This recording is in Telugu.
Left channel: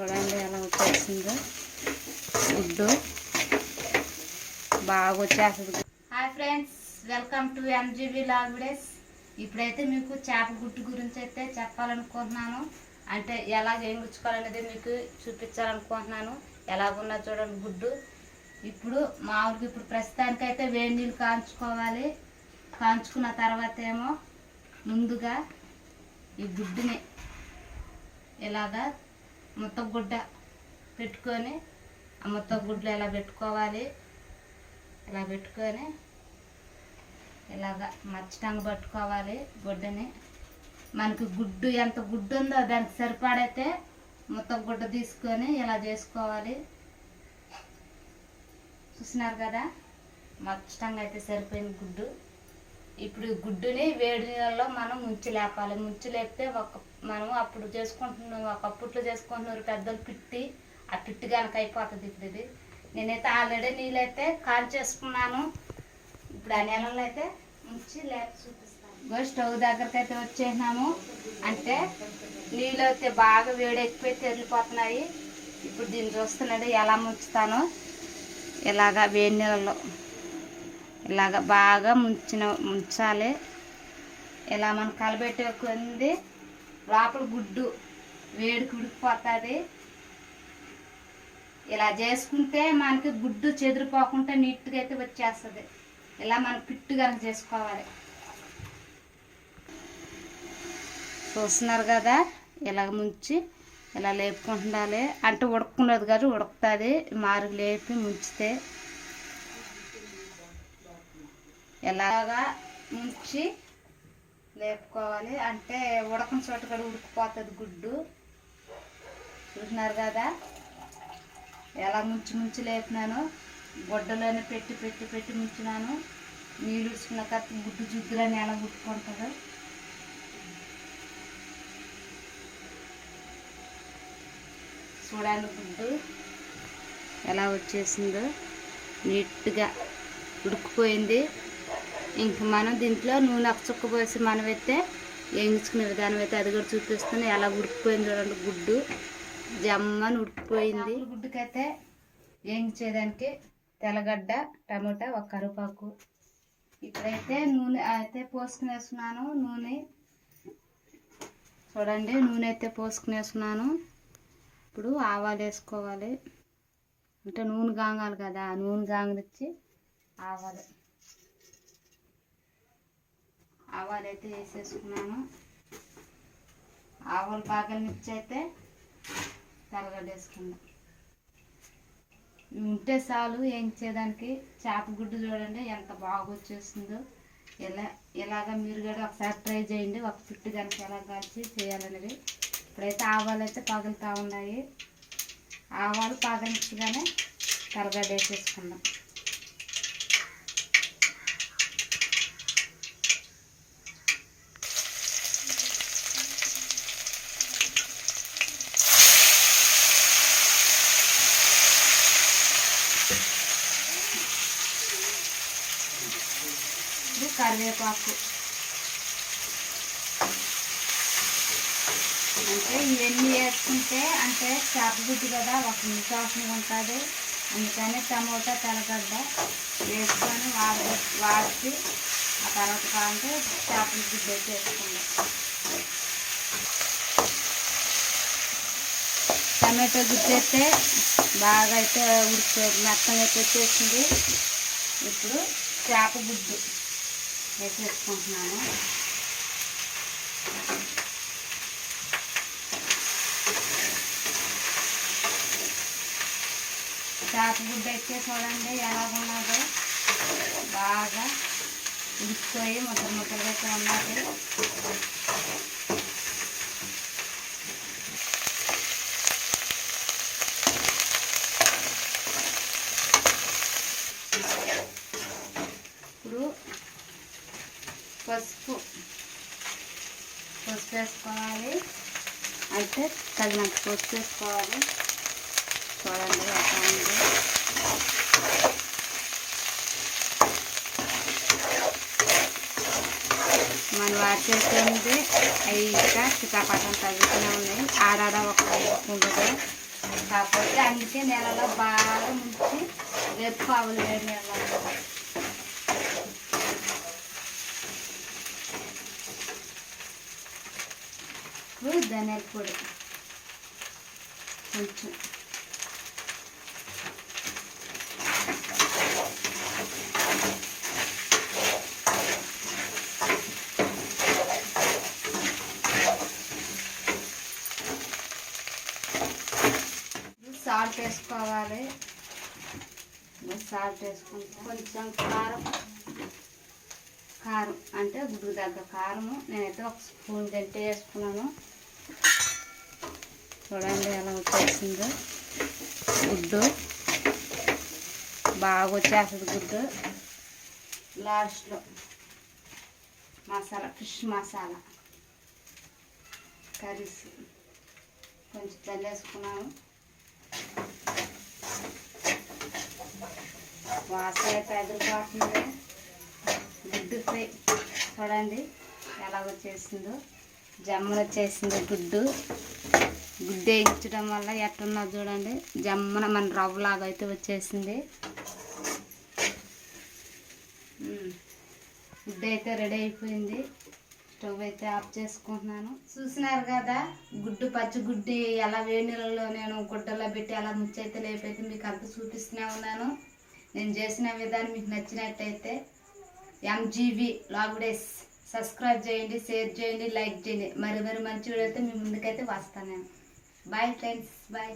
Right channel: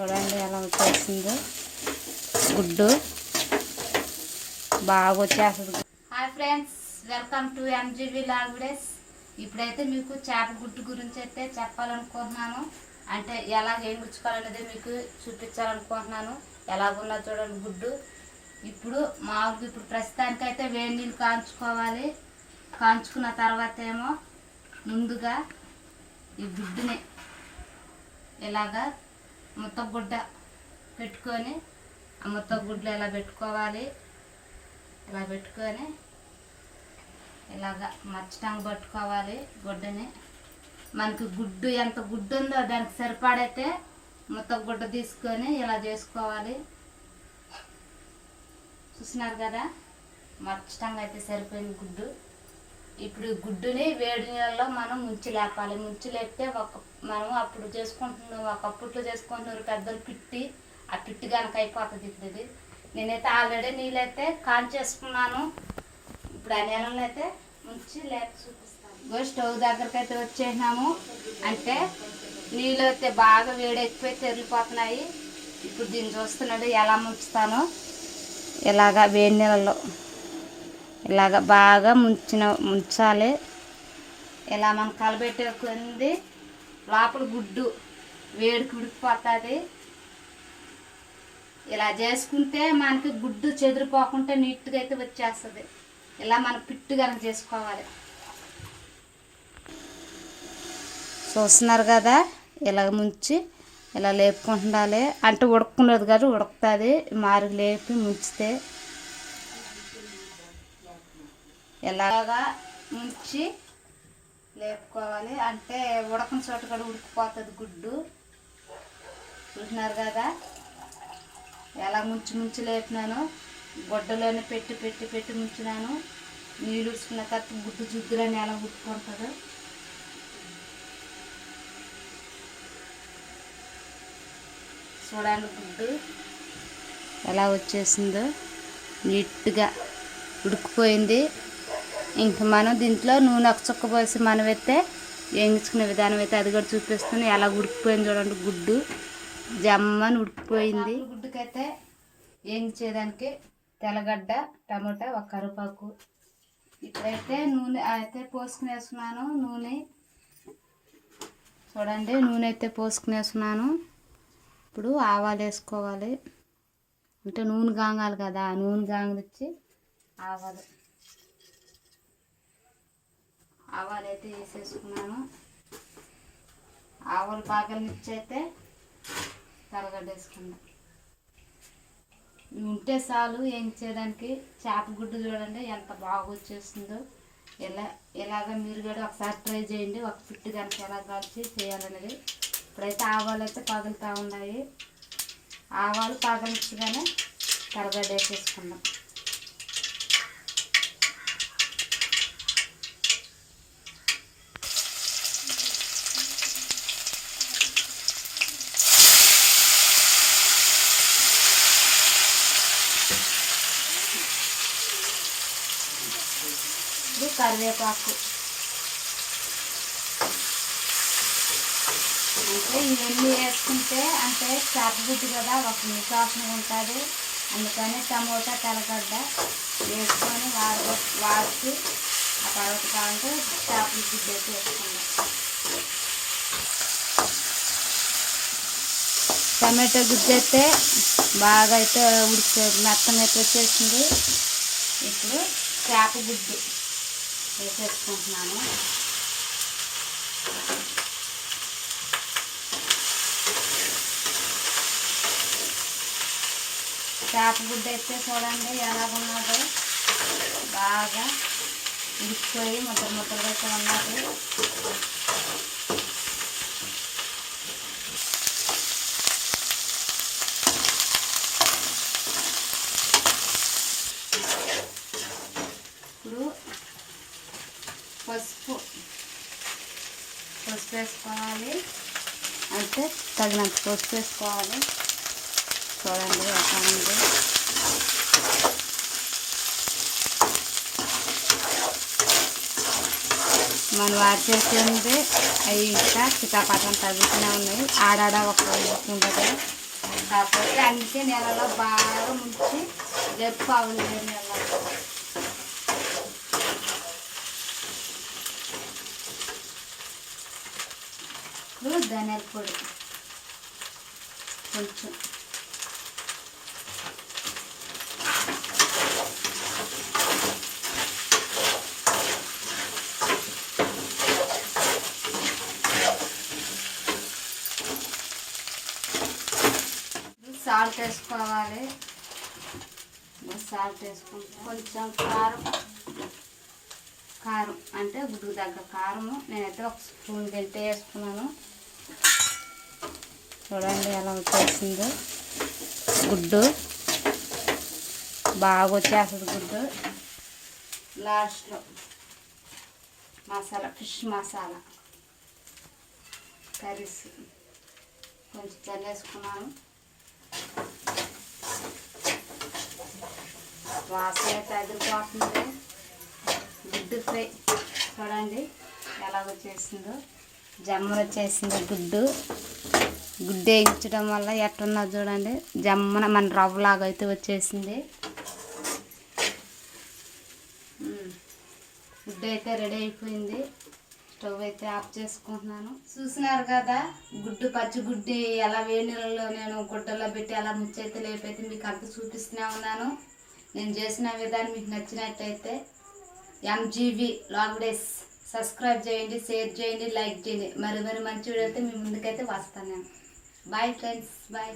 చూడండి ఎలా వచ్చేసిందో గుడ్డు బాగా వచ్చేస్తుంది. Hi friends, welcome to MGV log videos. ఇప్పుడైతే మీకు చేప గుడ్డు గురించి అయితే చెప్పాలనుకుంటున్నాను. అంటే ఎలా వేయించుకోవాలనేది మీకు చూపించాలనుకుంటున్నాను. ఎలాగున్నా చూడండి గుడ్డు. ఇప్పుడు ప్రస్తుతానికైతే వేడి నీళ్ళు కాంచుకోవాలి. కాంచుకున్న తర్వాత ఏమో ముందుగా ఈ గుడ్డుని ఇలాగా ముత్తగుడ్డ పెట్టుకొని ఆ ముత్తగుడ్లు ఇలా పెట్టుకోవాలి. ఇలా పెట్టుకొని ఇలాగా మచ్చటంగా పట్టుకోవాలి గుడ్డని. మనకి గుడ్డు ఎంత గుడ్డు ఉందో దానికి సరిపడైతే ముత్తగుడ్డ తీసుకొని ఇలా చేసుకోవాలి. చూసినారు కదా, మచ్చటంగా అయితే సరిపోయింది గుడ్డు. ఇప్పుడు గుడ్డుని వేడి నీళ్ళలో మనం ముంచి లేపాలి. ముంచి లేపితే మనం అప్పుడు చేసుకుంటున్నాం, ఒకప్పట్లో చేసుకుంటున్నారు పెద్దలు పిట్టి. ఆ పిట్టి కనుక అయిపోతుంది. ఇప్పుడు ఇది నేనైతే ఆల్రెడీ నీళ్ళైతే కాంచేసుకున్నాను. ఇప్పుడు ఆ నీళ్ళలో అయితే ముంచి లేపి చూపిస్తాను. స్టవ్ దగ్గరికి అయితే వచ్చేసినాము. అంటే నీళ్ళు అయితే బాగా వేడి ఎక్కువ తెరిలిపోతున్నాయి. ఇప్పుడు దీన్ని చూస్తున్నాడు ఎలా ముంచుతాను. ఇలాగా వేడి నీళ్ళలో ఇలాగ బాగా ముంచాలి. ఇలా మనం కలబెట్టుకుంది లోపల గుడ్డు వేడికి ఉడికిపోతుంది. ఇలా చేసుకుంటే మనకి గుడ్డు చెదిరిపోకుండా నీట్గా అయితే వచ్చేస్తుంది. ఇలా మనం పిట్టు కనుక చేసుకోవాలి. చూస్తున్నారు కదా, ఇలా ముంచి ఇలా లేపుకుంటుండాలి. అంటే ఉడకున్నది కాదు, ఉడుకుతుంది. మారుగు లేపి ముంచితే ఎలాగా ముంచి లేపుకోవాలి. అంటే ఉడకని చోట కూడా ఉడికిపోతుంది గుడ్డు. చూసినారు కదా ఎలా ముంచి లేపినాను. గుడ్డలోనే పెట్టి ముంచినాను. నీళ్ళు ఉడుచుకున్న తర్వాత గుడ్డు జుద్దులని ఎలా ఉట్టుకుంటుందో చూడండి. గుడ్డు ఎలా వచ్చేసిందో నీట్గా ఉడికిపోయింది. ఇంక మనం దీంట్లో నూనె ఒక చుక్క పోసి మనం అయితే వేయించుకునే విధానం అయితే అది కూడా చూపిస్తుంది. ఎలా ఉడికిపోయింది చూడండి. గుడ్డు జమ్మని ఉడికిపోయింది. గుడ్డుకైతే వేయించేదానికి తెల్లగడ్డ, టమాటా, ఒక కరివేపాకు. ఇప్పుడైతే నూనె అయితే పోసుకునేస్తున్నాను. నూనె చూడండి, నూనె అయితే పోసుకునేస్తున్నాను. ఇప్పుడు ఆవాలు వేసుకోవాలి. అంటే నూనె గాంగాలి కదా, ఆ నూనె గాంగలిచ్చి ఆవాలు అయితే వేసేసుకున్నాను. ఆవాలు బాగా మిర్చి అయితే తెల్లగడ్డ వేసుకున్నాను. ఉంటే చాలు వేయించేదానికి. చేప గుడ్డు చూడండి ఎంత బాగా వచ్చేస్తుందో. ఇలాగ మీరు కూడా ఒకసారి ట్రై చేయండి. ఒక పిట్టు దానికి ఎలా కాల్చి చేయాలనేది. ఇప్పుడైతే ఆవాలు అయితే పగులుతూ ఉన్నాయి. ఆవాలు పగలించగానే తెల్లగడ్డ వేసేసుకుందాం. కరివేపాకు అంటే ఇవన్నీ వేసుకుంటే అంటే చేప గుడ్డు కదా ఒక నిశ్వాసన ఉంటుంది. అందుకని టమోటా, తెల్లగడ్డ వేసుకొని వాడి ఆ తర్వాత కాంటే చేపల గుడ్డు అయితే వేసుకున్నాం. టమాటో గుడ్డు అయితే బాగా అయితే మెత్తంగా అయితే వచ్చేసింది. ఇప్పుడు చేప గుడ్డు వేసేసుకుంటున్నాను. చేప గుడ్డ అయితే చూడండి ఎలాగున్నదో. బాగా ఉడికిపోయి ముద్దలుగా అయితే ఉన్నది. ఇప్పుడు పసుపు వేసుకోవాలి. అయితే తగినంత పసుపు వేసుకోవాలి. చూడండి ఎలా ఉంది. మనం వాడి చేసేది అవి ఇంకా చిటాపటం తగ్గుతూనే ఉన్నాయి. ఆడాడ ఒక ఉంటుంది. కాకపోతే అందుకే నెలలో బాగా ముంచి వేపుకోవాలి వేడి నెలలో. ధనియాల పొడి కొంచెం, సాల్ట్ వేసుకోవాలి. సాల్ట్ వేసుకుంటే కొంచెం కారం అంటే గుడ్డు తగ్గ కారము నేనైతే ఒక స్పూన్ తింటే వేసుకున్నాను. చూడండి ఎలా వచ్చేసిందో గుడ్డు, బాగా వచ్చేస్తుంది గుడ్డు. లాస్ట్లో మసాలా, ఫిష్ మసాలా కర్రీస్ కొంచెం చల్లేసుకున్నాను. వాసన అయితే ఎదిరిపోతుంది. గుడ్డు ఫ్రై చూడండి ఎలా వచ్చేసిందో, జమ్మలు వచ్చేసిందో గుడ్డు. గుడ్డు వేయించడం వల్ల ఎట్టున్నది చూడండి, జమ్మన మన రవ్వలాగా అయితే వచ్చేసింది. గుడ్డు అయితే రెడీ అయిపోయింది. స్టవ్ అయితే ఆఫ్ చేసుకుంటున్నాను. చూసినారు కదా గుడ్డు, పచ్చి గుడ్డి ఎలా వేడి నీళ్ళలో నేను గుడ్డలో పెట్టి అలా ముచ్చైతే లేపైతే మీకు అంత చూపిస్తూనే ఉన్నాను. నేను చేసిన విధానం మీకు నచ్చినట్టయితే MGV లాగ్డేస్ సబ్స్క్రైబ్ చేయండి, షేర్ చేయండి, లైక్ చేయండి. మరి మంచి వీడియో అయితే మీ ముందుకైతే వస్తాను నేను. Bye friends, bye.